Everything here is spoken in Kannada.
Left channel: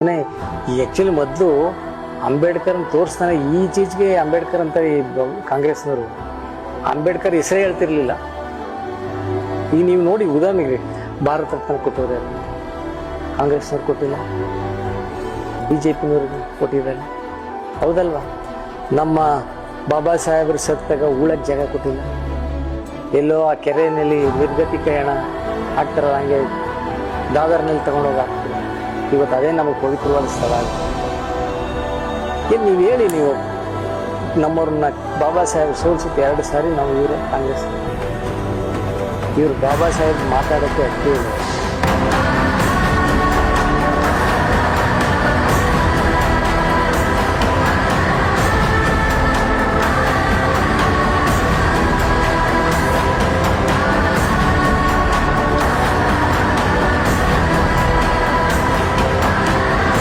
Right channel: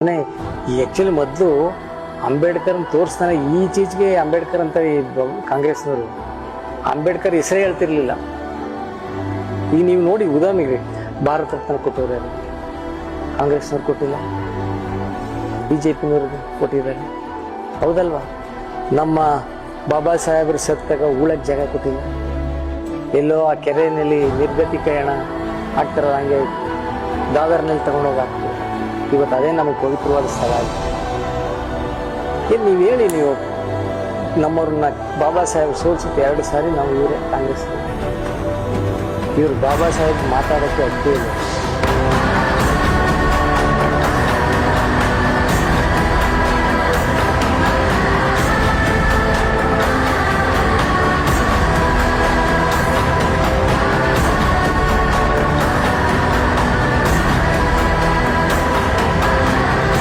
ಈ ಆಕ್ಚುಲಿ ಮೊದಲು ಅಂಬೇಡ್ಕರ್ ತೋರಿಸ್ತಾನೆ ಈಚೀಚೆಗೆ ಅಂಬೇಡ್ಕರ್ ಅಂತ ಈ ಕಾಂಗ್ರೆಸ್ನವರು ಅಂಬೇಡ್ಕರ್ ಹೆಸರೇ ಹೇಳ್ತಿರ್ಲಿಲ್ಲ. ಈಗ ನೀವು ನೋಡಿ ಉದಾಹರಣೆಗೆ ಭಾರತ ರತ್ನ ಕೊಟ್ಟವ್ರು ಯಾರು? ಕಾಂಗ್ರೆಸ್ನವ್ರು ಕೊಟ್ಟಿಲ್ಲ, ಬಿಜೆಪಿನವ್ರಿಗೆ ಕೊಟ್ಟಿದ್ದಾರೆ, ಹೌದಲ್ವಾ? ನಮ್ಮ ಬಾಬಾ ಸಾಹೇಬ್ರ ಸತ್ತಾಗ ಉಳಕ್ ಜಾಗ ಕೊಟ್ಟಿಲ್ಲ, ಎಲ್ಲೋ ಆ ಕೆರೆಯಲ್ಲಿ ನಿರ್ಗತಿಕರಣ ಆಗ್ತಾರಲ್ಲ ಹಂಗೆ ದಾದರ್ನಲ್ಲಿ ತಗೊಂಡೋಗಿ ಹಾಕ್ತಾರೆ. ಇವತ್ತು ಅದೇ ನಮಗೆ ಪವಿತ್ರವಾದ ಸ್ಥಳ ಆಗುತ್ತೆ. ಏನು ನೀವು ಹೇಳಿ, ನೀವು ನಮ್ಮವ್ರನ್ನ ಬಾಬಾ ಸಾಹೇಬ್ ಸೋಲ್ಸುತ್ತೆ 2 ಸಾರಿ ನಾವು ಇವರೇ ಕಾಂಗ್ರೆಸ್. ಇವ್ರು ಬಾಬಾ ಸಾಹೇಬ್ ಮಾತಾಡೋಕ್ಕೆ ಅಷ್ಟೇ ಇಲ್ಲ.